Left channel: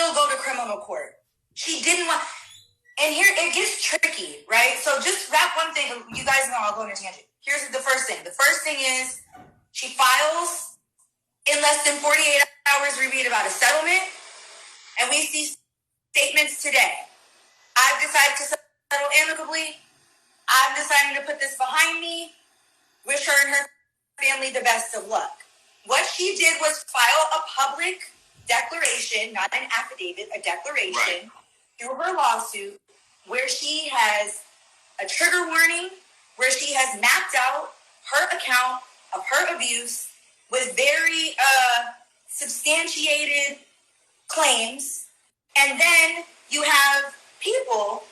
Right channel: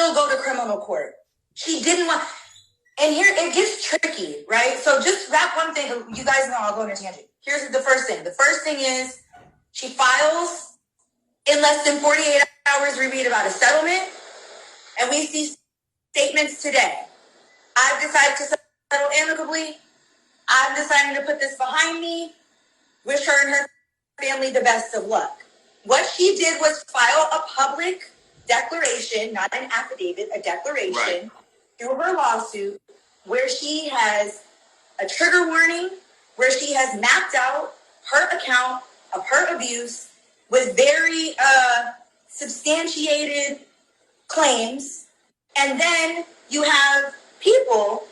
still go to criminal court. She didn't want, and here it gets tricky, right? So just wrap one thing, you guys know I'll go on a tangent. Here's the first thing. The first thing is she files in less than 48 hours, we read about a settlement, and we see statements today. I've decided to settle amicably. I'm deciding to put this behind me. Wish her and her family the best of luck. What she did was file a public declaration, not an affidavit, a declaration, right, through her lawsuit, where she has a trigger warning, where she has mapped out her account of her abuse with very substantiated claims. And then you have people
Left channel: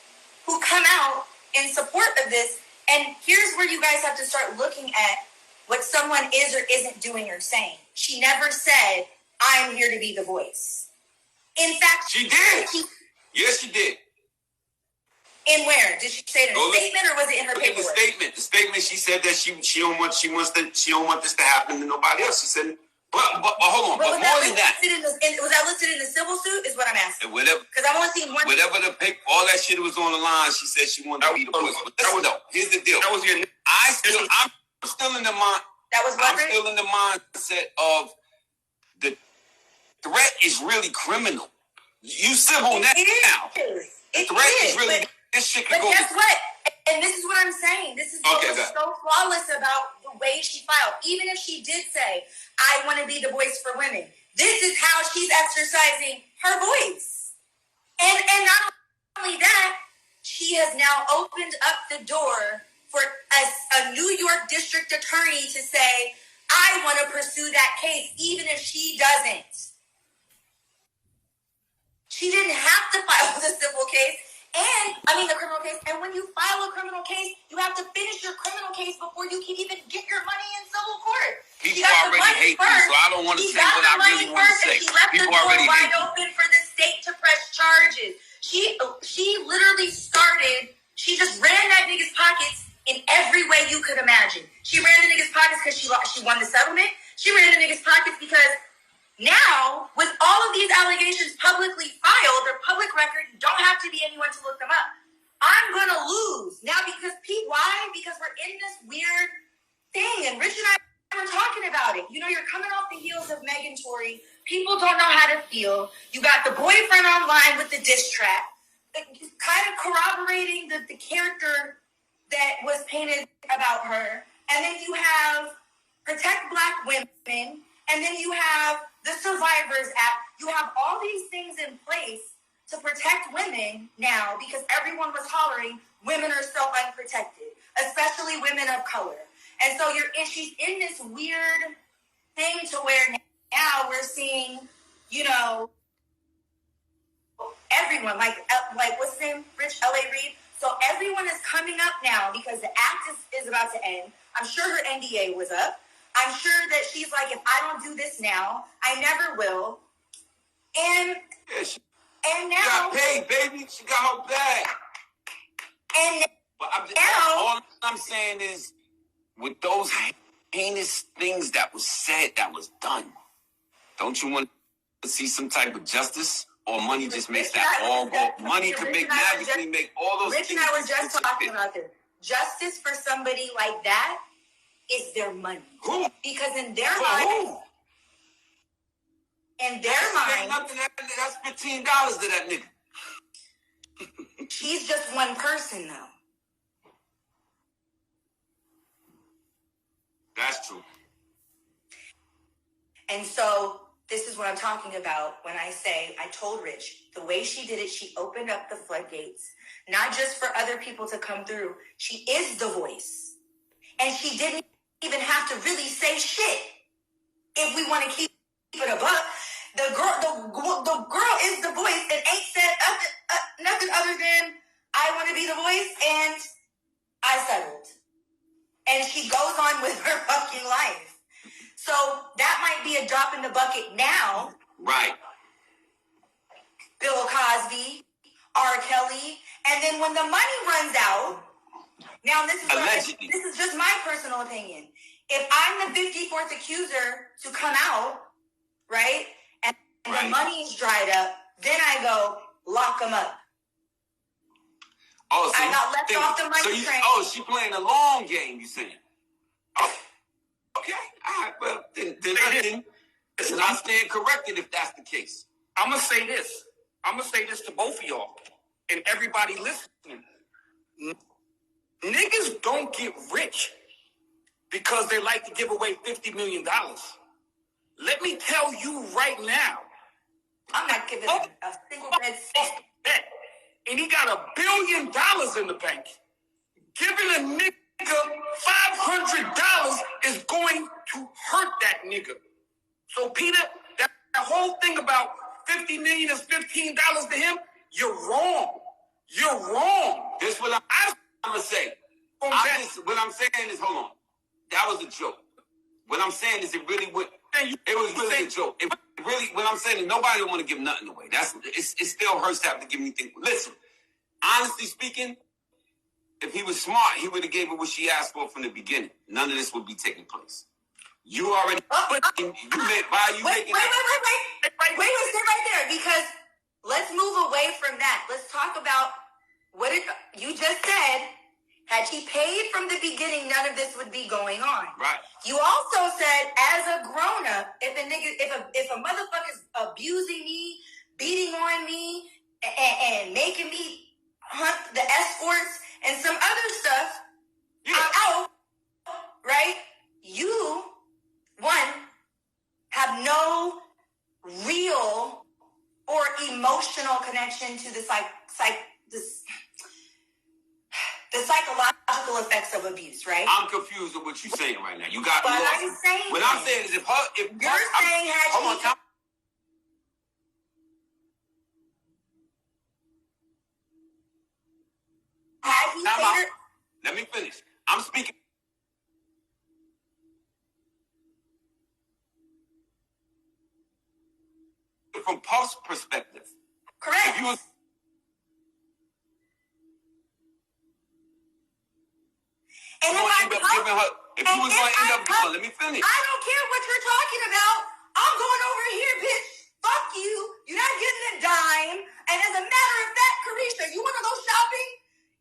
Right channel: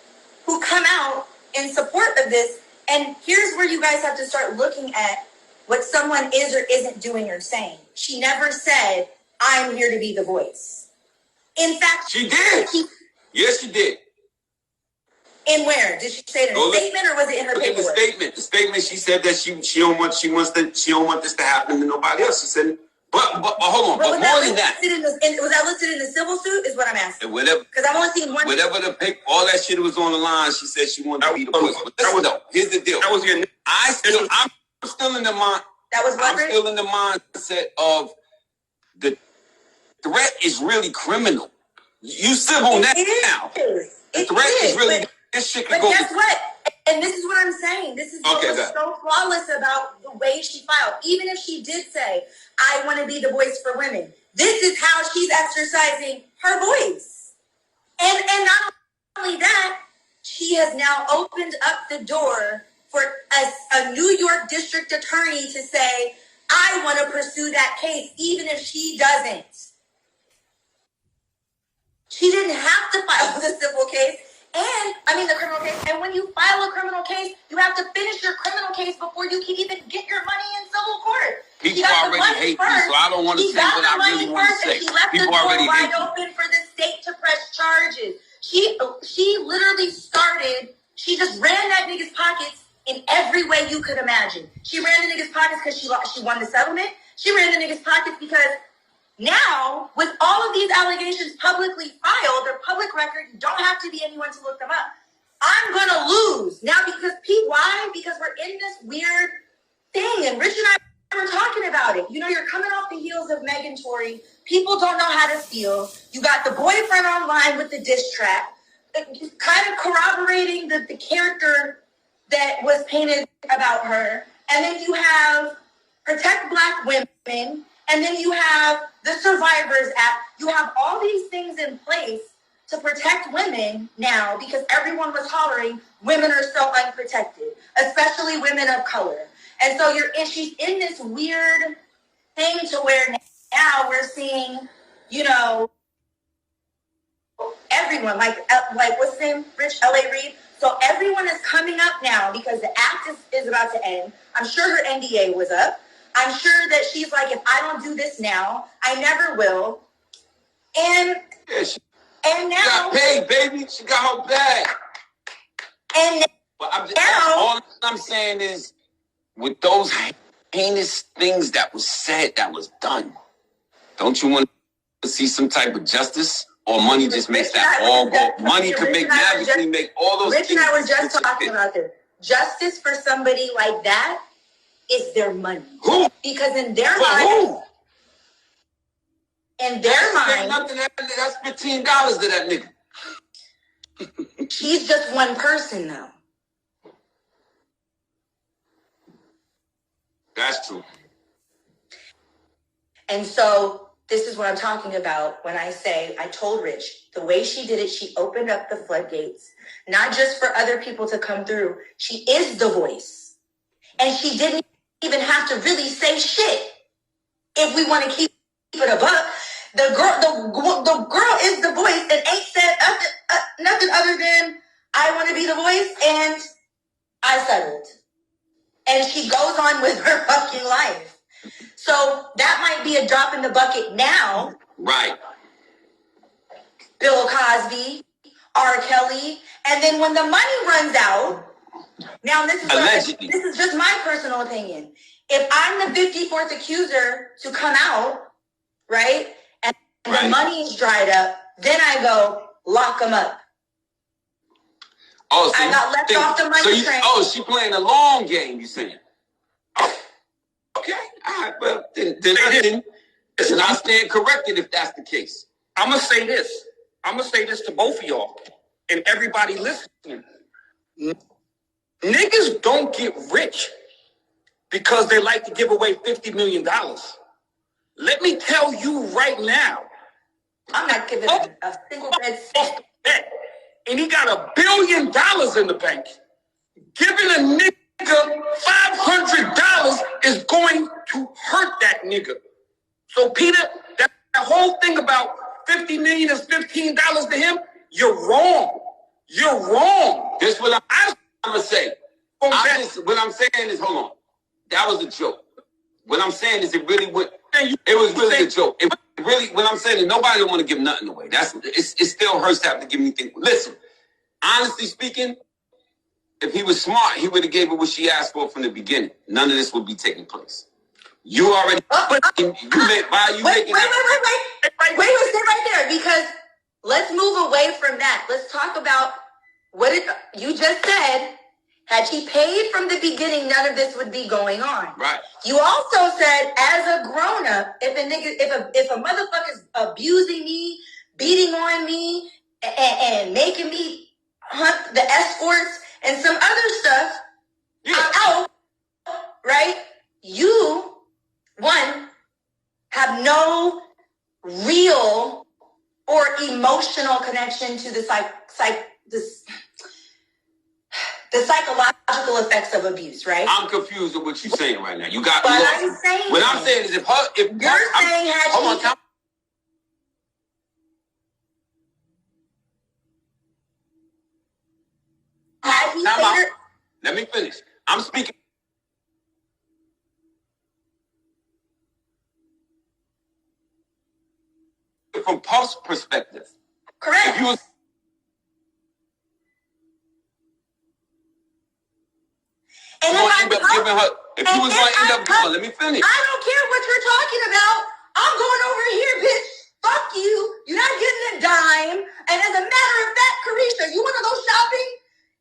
who come out in support of this. And here's where you guys have to start looking at what someone is or isn't doing or saying. She never said, I'm here to be the voice. In fact, she did. Yes, she did. In where? Did she say it in a statement or was it in her paperwork? The statement, she said that she don't want this to happen to nobody else. She said, but hold on, but more than that. Was that listed in the civil suit is what I'm asking. Whatever. Because I'm only seeing one. Whatever the paper, all that shit was on the line, she said she wanted to be the voice. But here's the deal. That was your, I'm still in the mind. That was what? I'm still in the mindset of the threat is really criminal. You civil now. The threat is really, this shit can go. But guess what? And this is what I'm saying. This is what was so flawless about the way she filed. Even if she did say, I want to be the voice for women, this is how she's exercising her voice. And not only that, she has now opened up the door for a New York district attorney to say, I want to pursue that case, even if she doesn't. She didn't have to file the civil case, the criminal case. And when you file a criminal case, you have to finish your criminal case before you can even get your money in civil court. People already hate me, so I don't want to say what I really want to say. People already hate me. She left the door wide open for the state to press charges. She literally started, she just ran that nigga's pockets in every way you could imagine. She ran the nigga's pockets because she won the settlement. She ran the nigga's pockets because now, with all of these allegations publicly filed, they're public record, you don't have to be anyone to look them up. I'm going to lose. Now, why? Because we're in this weird thing, and Rich and I were talking about it. You know, you're coming off the heels of Megan Tory. People don't know how to feel. You got the boyfriend online with the diss track, kind of corroborating the character that was painted about her. And then you have Protect Black Women, and then you have the Survivors Act. You have all these things in place to protect women now because everyone was hollering, women are so unprotected, especially women of color. And so she's in this weird thing to where now we're seeing, everyone, like what's his name, Rich, L.A. Reid. So everyone is coming up now because the act is about to end. I'm sure her NDA was up. I'm sure that she's like, if I don't do this now, I never will. And now, she got paid, baby. She got her bag. And now, all I'm saying is, with those heinous things that was said, that was done, don't you want to see some type of justice? Or money just makes that all go. Money could magically make all those things. Rich and I were just talking about this. Justice for somebody like that is their money. Who? Because in their mind, that's $15 to that nigga. She's just one person, though. That's true. And so this is what I'm talking about when I say, I told Rich, the way she did it, she opened up the floodgates, not just for other people to come through. She is the voice. And she didn't even have to really say shit. If we want to keep it above, the girl is the voice and ain't said nothing other than, I want to be the voice and I settled. And she goes on with her fucking life. So that might be a drop in the bucket now. Right. Bill Cosby, R. Kelly, and then when the money runs out, now this is just my personal opinion. If I'm the 54th accuser to come out, right, and the money is dried up, Then I go, lock them up. Oh, so I got left off the money train. Oh, she playing a long game, you saying? Oh, okay. All right, well, then listen, I stand corrected if that's the case. I'm going to say this to both of y'all and everybody listening. Niggas don't get rich because they like to give away $50 million. Let me tell you right now. I'm not giving a single red cent. And he got $1 billion in the bank. Giving a nigga $500 is going to hurt that nigga. So, Peter, that whole thing about $50 million is $15 to him, you're wrong. You're wrong. This is what I'm going to say. What I'm saying is, hold on. That was a joke. What I'm saying is it really went. It was really a joke. It really, what I'm saying is nobody don't want to give nothing away. It still hurts to have to give anything. Listen, honestly speaking, if he was smart, he would have gave her what she asked for from the beginning. None of this would be taking place. You already. Wait, stay right there, because let's move away from that. Let's talk about what you just said. Had she paid from the beginning, none of this would be going on. Right. You also said, as a grown-up, if a motherfucker's abusing me, beating on me, and making me hunt the escorts and some other stuff, out, right? You, one, have no real or emotional connection to the psychological effects of abuse, right? I'm confused with what you're saying right now. You got. But I'm saying. What I'm saying is, if you're saying, hold on. Let me finish. I'm speaking from Puff's perspective. Correct. If you was and going to end up giving her, if you was going to end up giving her, let me finish. I don't care what you're talking about. I'm going over here, bitch. Fuck you. You're not getting a dime. And as a matter of fact, Carisha, you want to go shopping?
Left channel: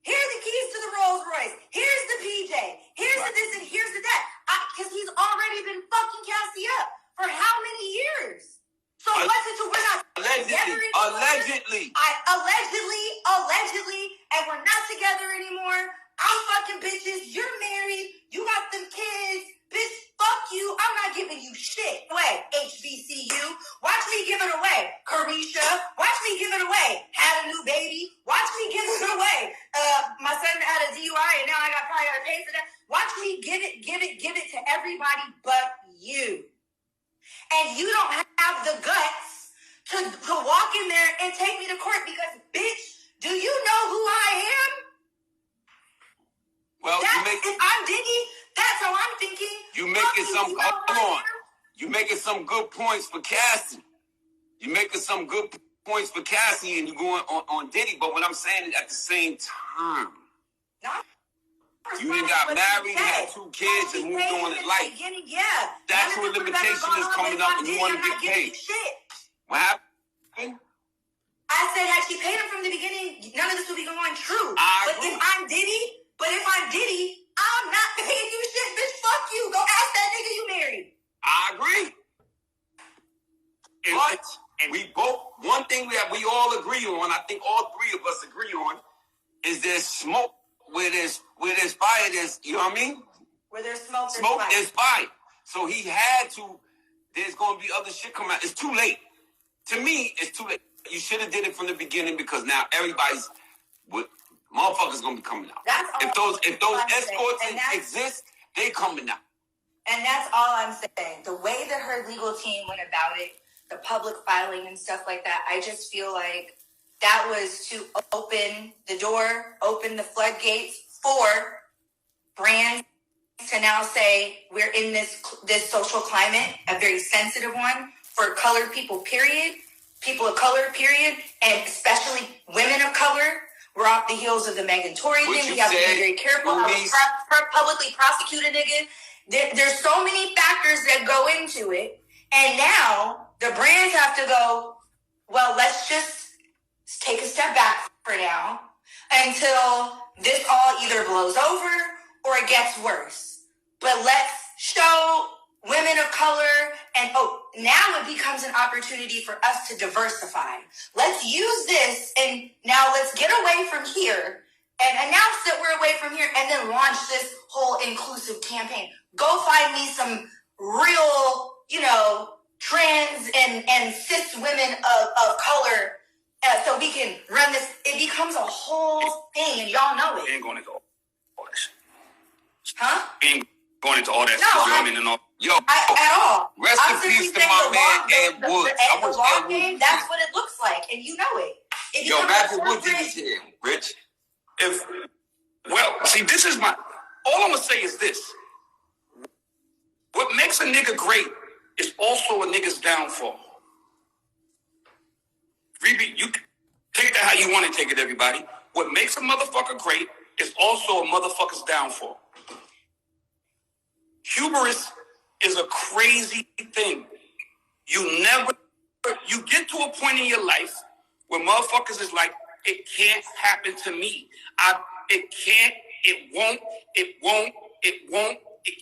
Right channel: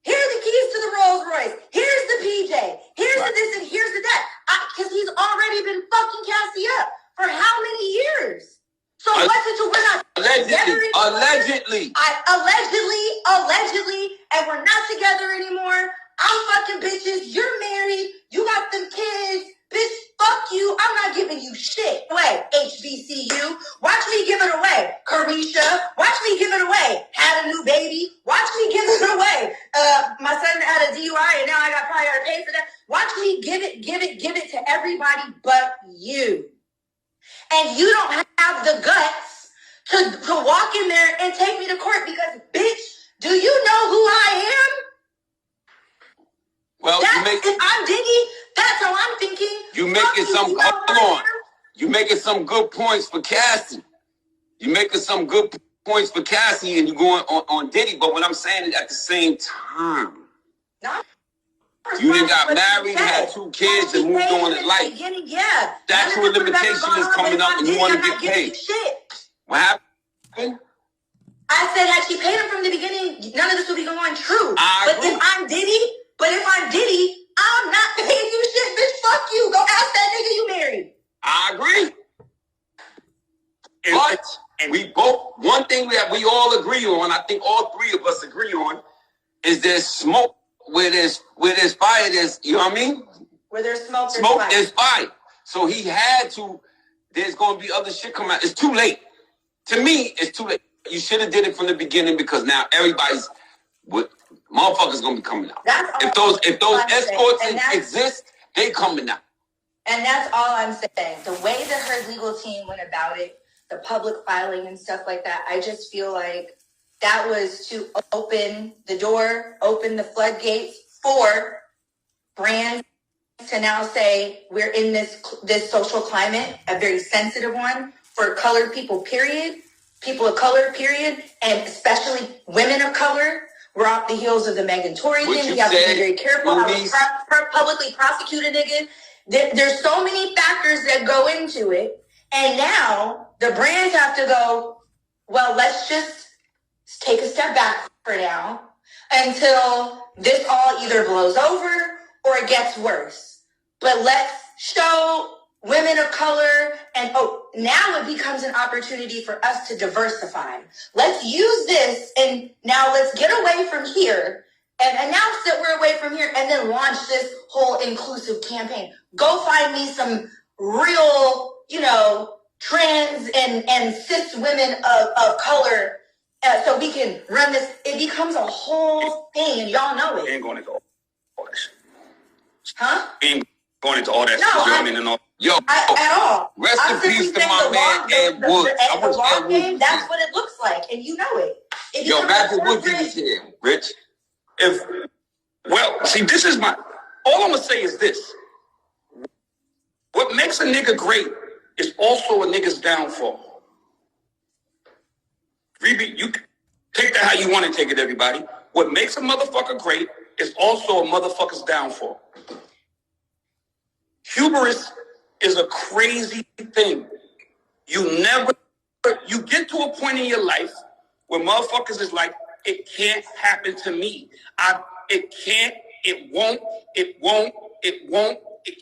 Here are the keys to the Rolls Royce. Here's the PJ. Here's the this and here's the that. Because he's already been fucking Cassie up for how many years? So what's it to we're not allegedly, and we're not together anymore. I'm fucking bitches. You're married. You got them kids. Bitch, fuck you. I'm not giving you shit away. HBCU. Watch me give it away. Carisha. Watch me give it away. Had a new baby. Watch me give it away. My son had a DUI and now I probably got to pay for that. Watch me give it to everybody but you. And you don't have the guts to walk in there and take me to court because, bitch, do you know who I am? Well, if I'm Diddy, that's how I'm thinking. You making some. Hold on. You making some good points for Cassie. You making some good points for Cassie, and you going on Diddy. But what I'm saying is, at the same time, you done got married, had 2 kids, and moved on in life. Yeah. That's where limitation is coming up, and you want to get paid. What happened? I said, had she paid him from the beginning, none of this would be going on. True. But if I'm Diddy, I'm not paying you shit, bitch. Fuck you. Go ask that nigga you married. I agree. And we both, one thing that we all agree on, I think all 3 of us agree on, is there's smoke. Where there's fire, there's, you know what I mean? Where there's smoke, there's fire. So he had to, there's going to be other shit coming out. It's too late. To me, it's too late. You should have did it from the beginning because now everybody's, motherfuckers going to be coming out. If those escorts exist, they coming out. And that's all I'm saying. The way that her legal team went about it, the public filing and stuff like that, I just feel like that was to open the door, open the floodgates for brands to now say we're in this social climate, a very sensitive one for colored people, period. People of color, period, and especially women of color. We're off the heels of the Megan Tory thing. We have to be very careful. Monice. Publicly prosecute a nigga. There's so many factors that go into it, and now the brands have to go, well, let's just take a step back for now until this all either blows over or it gets worse. But let's show women of color, and now it becomes an opportunity for us to diversify. Let's use this, and now let's get away from here and announce that we're away from here, and then launch this whole inclusive campaign. Go find me some real, trans and cis women of color, so we can run this. It becomes a whole thing, and y'all know it. Ain't going into all this. Huh? Ain't going into all that shit. And all. Yo, at all. Rest in peace to my man Ed Woods. The long game, that's what it looks like, and you know it. Yo, Magic Woods is here, Rich. See, this is all I'm gonna say is this. What makes a nigga great is also a nigga's downfall. You take that how you want to take it, everybody. What makes a motherfucker great is also a motherfucker's downfall. Hubris is a crazy thing. You get to a point in your life where motherfuckers is like, it can't happen to me. It can't, it won't, it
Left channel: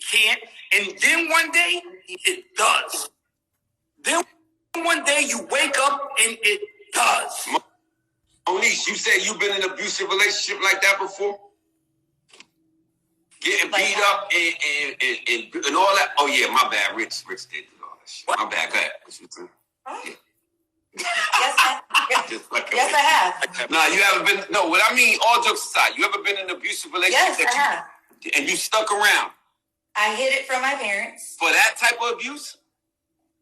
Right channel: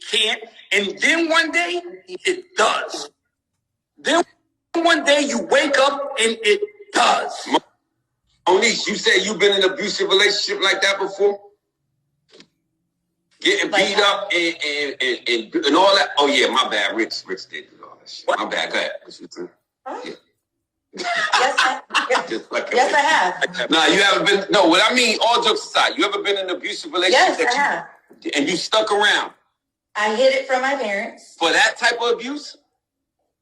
can't. And then one day, it does. Then one day you wake up and it does. Monice, you said you've been in an abusive relationship like that before? Getting beat up and all that? Oh, yeah, my bad. Rich did all that shit. My bad. Go ahead. Yeah. Yes, I have. Nah, you haven't been. No, what I mean, all jokes aside, you ever been in an abusive relationship? Yes, I have. And you stuck around? I hid it from my parents. For that type of abuse?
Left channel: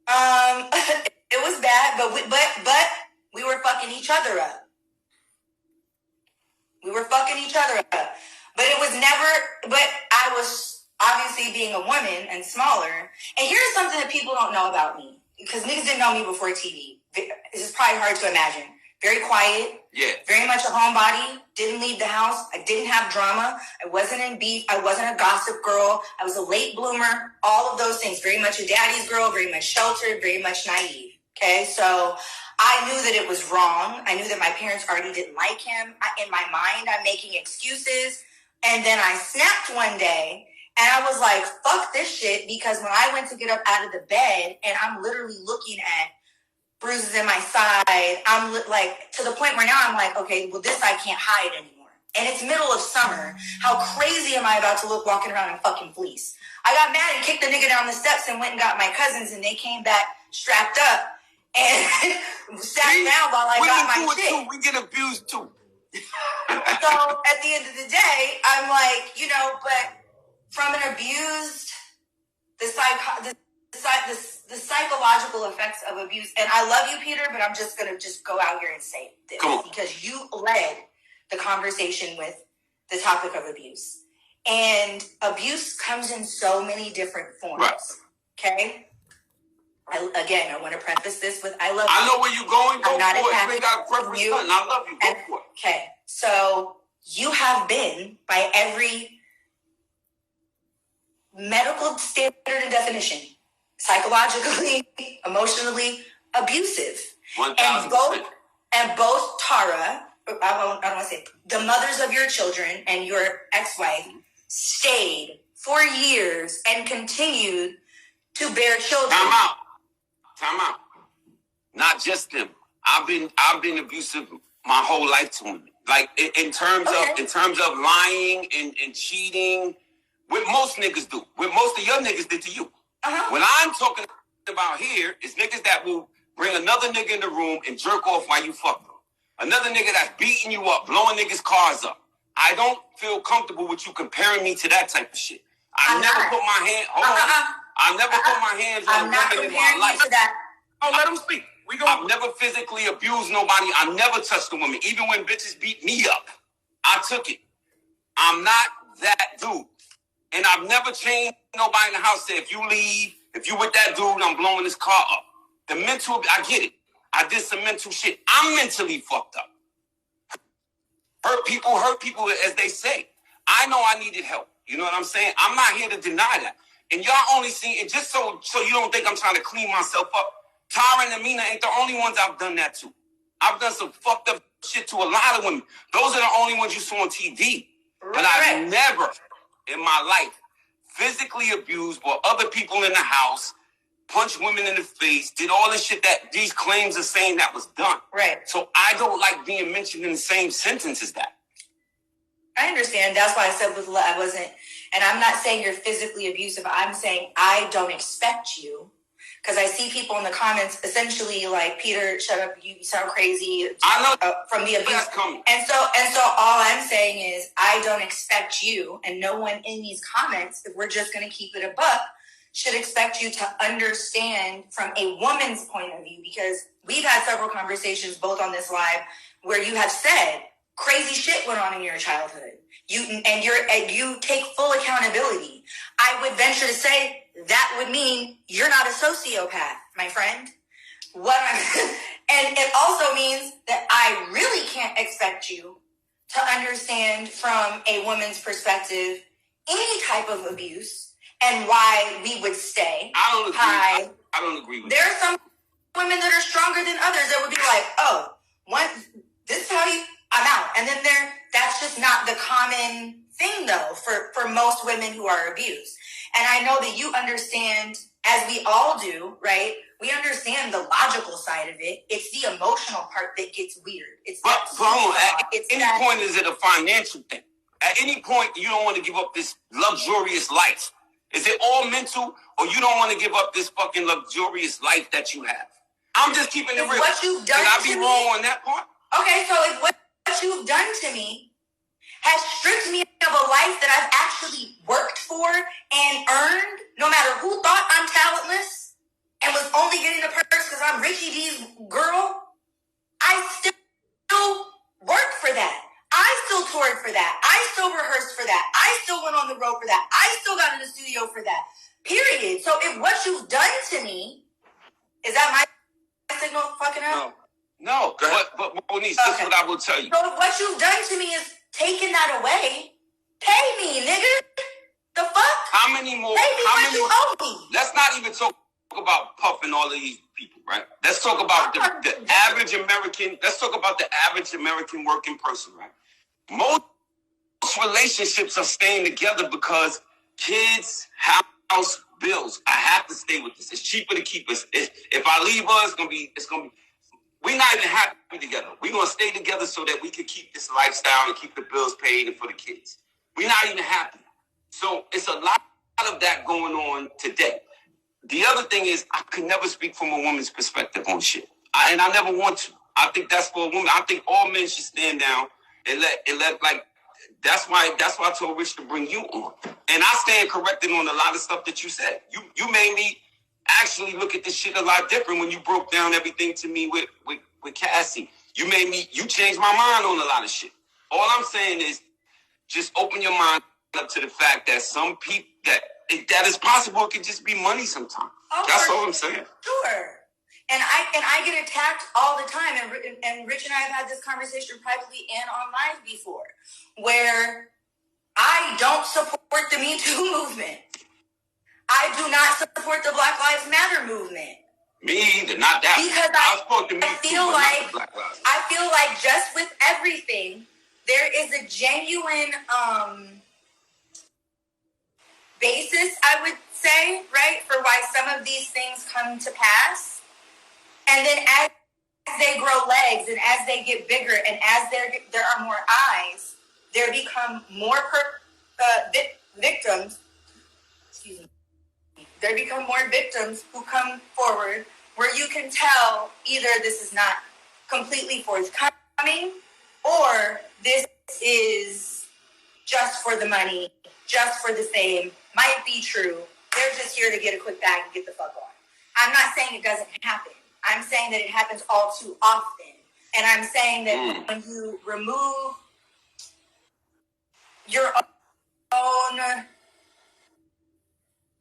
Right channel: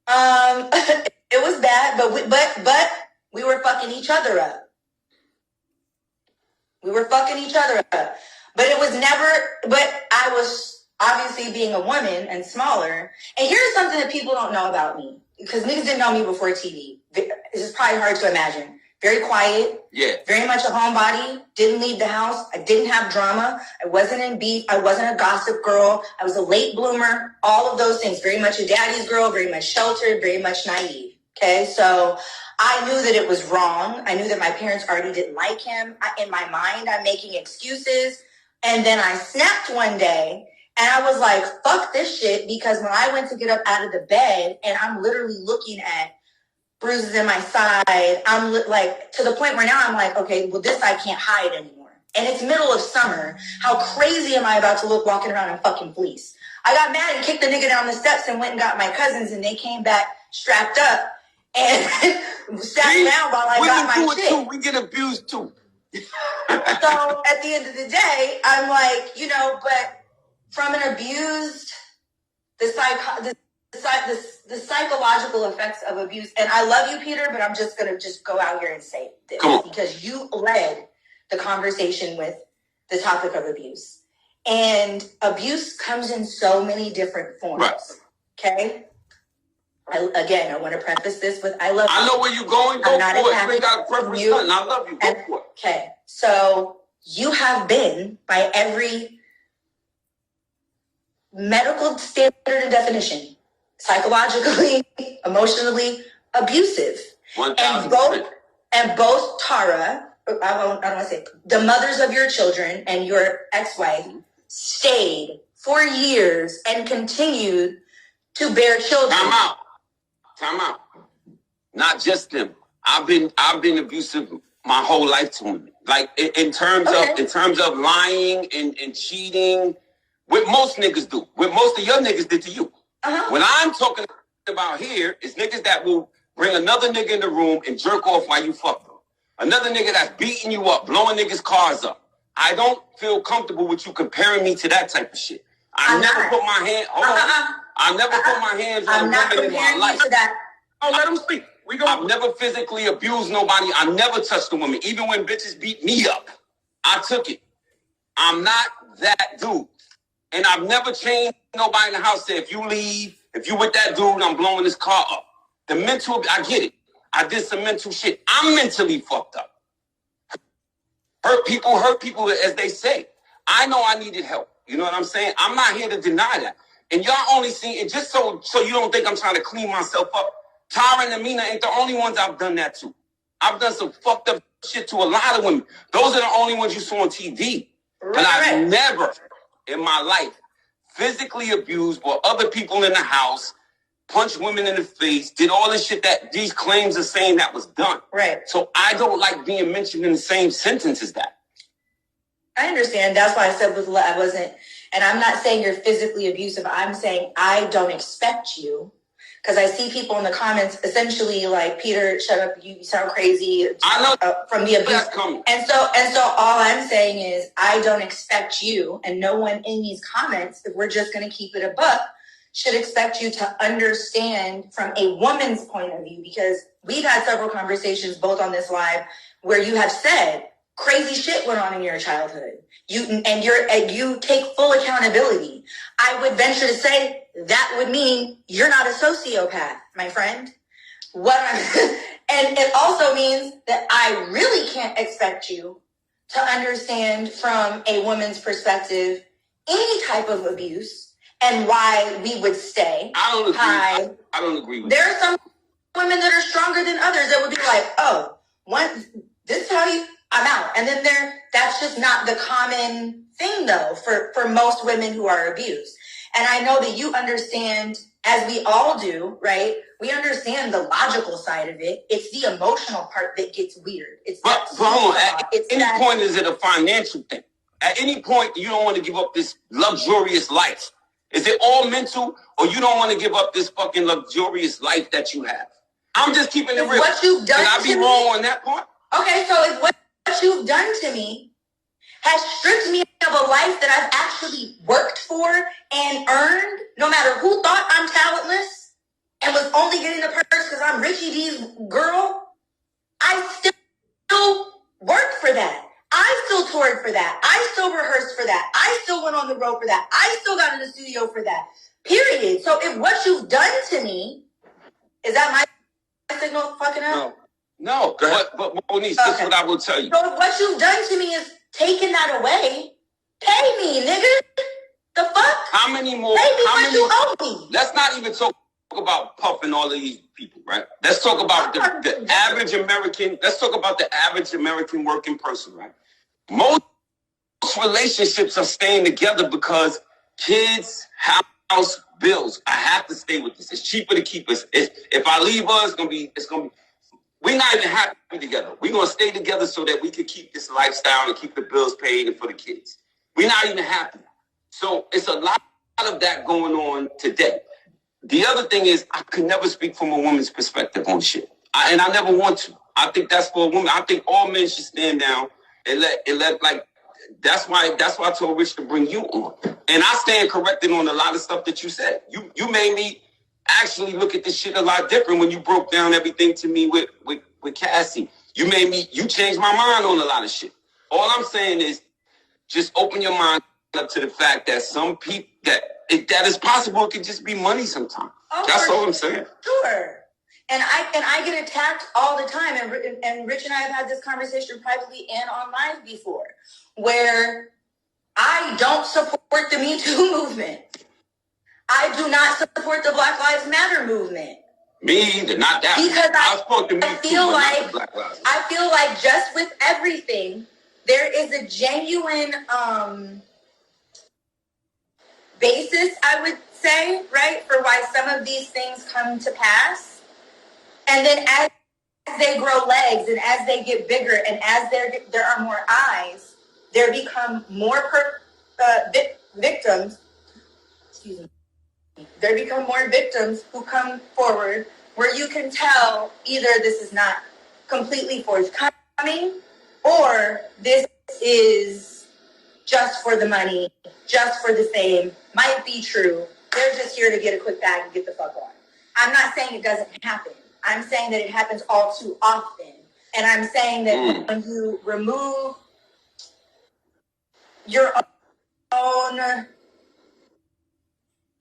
It was bad, but we were fucking each other up. But it was never, but I was obviously being a woman and smaller. And here's something that people don't know about me, because niggas didn't know me before TV. This is probably hard to imagine. Very quiet. Yeah. Very much a homebody. Didn't leave the house. I didn't have drama. I wasn't in beef. I wasn't a gossip girl. I was a late bloomer. All of those things. Very much a daddy's girl. Very much sheltered. Very much naive. Okay, so I knew that it was wrong. I knew that my parents already didn't like him. In my mind, I'm making excuses. And then I snapped one day, and I was like, fuck this shit, because when I went to get up out of the bed, and I'm literally looking at bruises in my side, I'm like, to the point where now I'm like, okay, well, this I can't hide anymore. And it's middle of summer. How crazy am I about to look walking around in fucking fleece? I got mad and kicked the nigga down the steps and went and got my cousins, and they came back strapped up and sat down while I got my shit. Too. We get abused too. So at the end of the day, I'm like, but from an abused, the psychological effects of abuse, and I love you, Peter, but I'm just going to go out here and say this, because you led the conversation with the topic of abuse. And abuse comes in so many different forms. Right. Okay? I want to preface this with I love you. I know where you're going. Go for it. You ain't got a preference. I love you. Go for it. Okay. So you have been, by every medical standard and definition, psychologically, emotionally abusive. 1,000%. And both Tara, I don't want to say, the mothers of your children and your ex-wife stayed for years and continued to bear children. Time out. Not just them. I've been abusive my whole life to women. Like in terms of lying and cheating, what most niggas do, what most of your niggas did to you. Uh-huh. When I'm talking about here is niggas that will bring another nigga in the room and jerk off while you fuck them. Another nigga that's beating you up, blowing niggas' cars up. I don't feel comfortable with you comparing me to that type of shit. I never put my hands on a woman in my life. Oh, let him speak. I've never physically abused nobody. I never touched a woman. Even when bitches beat me up, I took it. I'm not that dude. And I've never changed nobody in the house. Say, if you leave, if you with that dude, I'm blowing his car up. The mental, I get it. I did some mental shit. I'm mentally fucked up. Hurt people, as they say. I know I needed help. You know what I'm saying? I'm not here to deny that. And y'all only see it just so you don't think I'm trying to clean myself up Tyra and Amina ain't the only ones I've done that to. I've done some fucked up shit to a lot of women. Those are the only ones you saw on TV. Right. And I've never in my life physically abused or other people in the house, punched women in the face, did all this shit that these claims are saying that was done. Right. So I don't like being mentioned in the same sentence as that. I understand. That's why I said I wasn't, and I'm not saying you're physically abusive. I'm saying I don't expect you. Because I see people in the comments essentially like, Peter, shut up, you sound crazy. I know from the abuse. And so all I'm saying is I don't expect you, and no one in these comments, if we're just going to keep it a buck, should expect you to understand from a woman's point of view. Because we've had several conversations both on this live where you have said crazy shit went on in your childhood. You take full accountability. I would venture to say that would mean you're not a sociopath, my friend. And it also means that I really can't expect you to understand from a woman's perspective any type of abuse and why we would stay. I don't agree. I don't agree with There are some women that are stronger than others that would be like, oh, this is how I'm out. And then that's just not the common thing, though, for most women who are abused. And I know that you understand, as we all do, right? We understand the logical side of it. It's the emotional part that gets weird. But hold on, at any point is it a financial thing? At any point, you don't want to give up this luxurious life. Is it all mental, or you don't want to give up this fucking luxurious life that you have? I'm just keeping it real. What you've done Can I be wrong on that part? Okay, so if what you've done to me has stripped me of a life that I've actually worked for and earned, no matter who thought I'm talentless and was only getting the perks because I'm Ricky D's girl, I still worked for that. I still toured for that. I still rehearsed for that. I still went on the road for that. I still got in the studio for that. Period. So if what you've done to me, is that my signal fucking up? No. But Monice, this is what I will tell you. So if what you've done to me is taking that away, pay me, nigga. The fuck? How many more? Pay me what you owe me. Let's not even talk about Puff and all of these people, right? Let's talk about the average American. Let's talk about the average American working person, right? Most relationships are staying together because kids, house, bills. I have to stay with this. It's cheaper to keep us. If I leave us, it's gonna be. We're not even happy together. We're gonna stay together so that we can keep this lifestyle and keep the bills paid and for the kids. We're not even happy. So it's a lot of that going on today. The other thing is I could never speak from a woman's perspective on shit. And I never want to. I think that's for a woman. I think all men should stand down and let like, that's why I told Rich to bring you on. And I stand corrected on a lot of stuff that you said. You made me actually look at this shit a lot different when you broke down everything to me with Cassie. You changed my mind on a lot of shit. All I'm saying is just open your mind up to the fact that some people, that is possible, it could just be money sometimes. Oh, that's all I'm saying. Sure. And I get attacked all the time. And Rich and I have had this conversation privately and on live before, where I don't support the Me Too movement. I do not support the Black Lives Matter movement. Me either, not that. Because I feel like just with everything, there is a genuine basis, I would say, right, for why some of these things come to pass. And then as they grow legs and as they get bigger and as there are more eyes, there become more victims. Excuse me. There become more victims who come forward where you can tell either this is not completely forthcoming or this is just for the money, just for the fame, might be true. They're just here to get a quick bag and get the fuck on. I'm not saying it doesn't happen. I'm saying that it happens all too often. And I'm saying that when you remove your own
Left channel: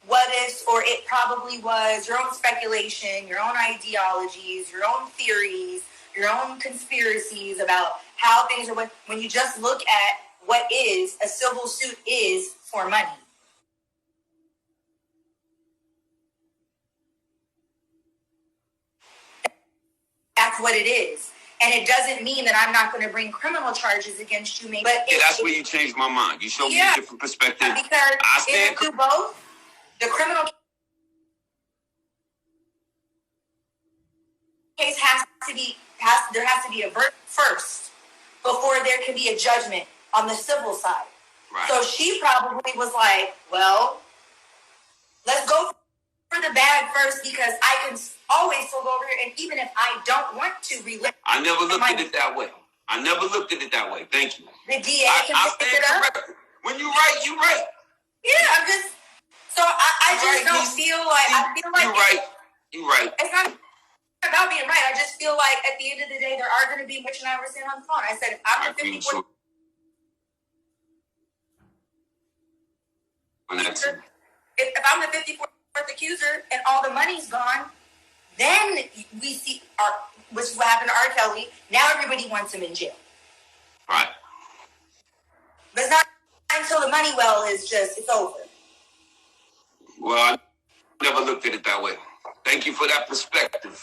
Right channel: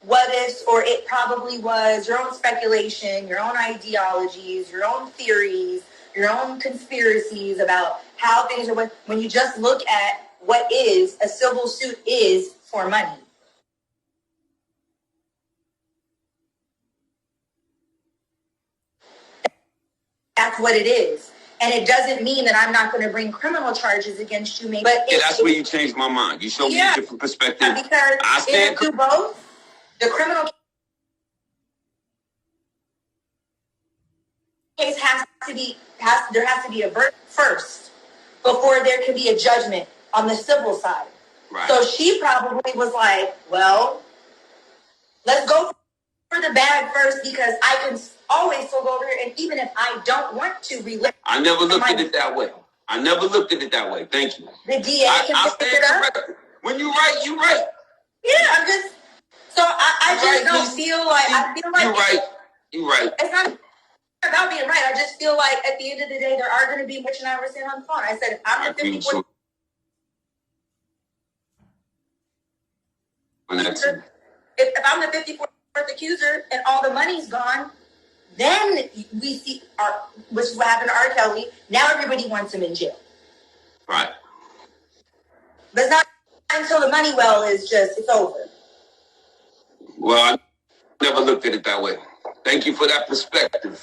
what ifs, or it probably was, your own speculation, your own ideologies, your own theories, your own conspiracies about how things are, when you just look at what is, a civil suit is for money. that's what it is. And it doesn't mean that I'm not going to bring criminal charges against you. But that's where you changed my mind. You showed me a different perspective. Because if you do both, the criminal case there has to be a verdict first before there can be a judgment on the civil side. Right. So she probably was like, well, let's go for the bag first because I can always still go over here. And even if I don't want to relive. I never looked at it that way. Thank you. The DA can pick it up. When you right, you right. Yeah, I'm just. So I just don't feel like. I feel like. You're right. It's not about being right. I just feel like at the end of the day, there are going to be, which and I were saying on the phone. I said, if I'm the 54th. If I'm the 54th accuser and all the money's gone, then we see, which is what happened to R. Kelly. Now everybody wants him in jail. Right. But it's not until the money well is just, it's over. Well, I never looked at it that way. Thank you for that perspective.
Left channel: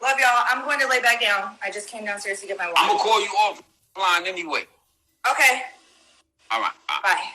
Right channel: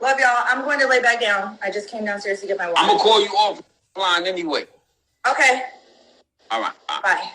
Love y'all. I'm going to lay back down. I just came downstairs to get my water. I'm going to call you offline anyway. Okay. All right. Bye.